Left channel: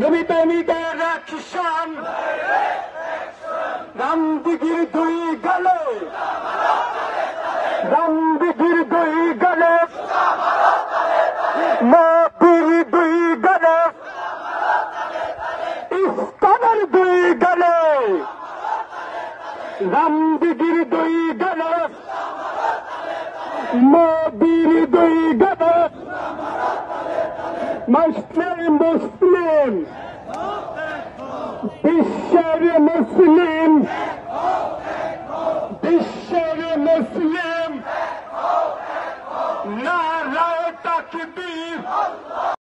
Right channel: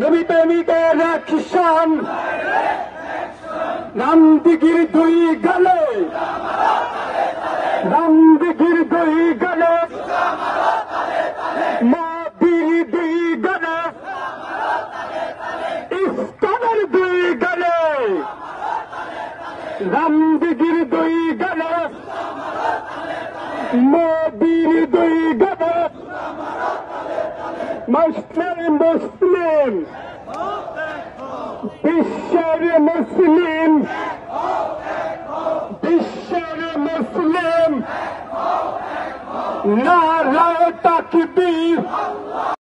নবী প্রেমিকের অ্যাকশন, নামদিগির দুই গেলে, নামদিগির দুই গেলে, নবীর দুই গেলে, ইসলামের দুই গেলে, নামদিগির দুই গেলে, নবীর দুই গেলে, মুসলিম মুসলিম বিশ্বের মুসলিম, বিশ্বের মুসলিম নারায়ে তাকবীর।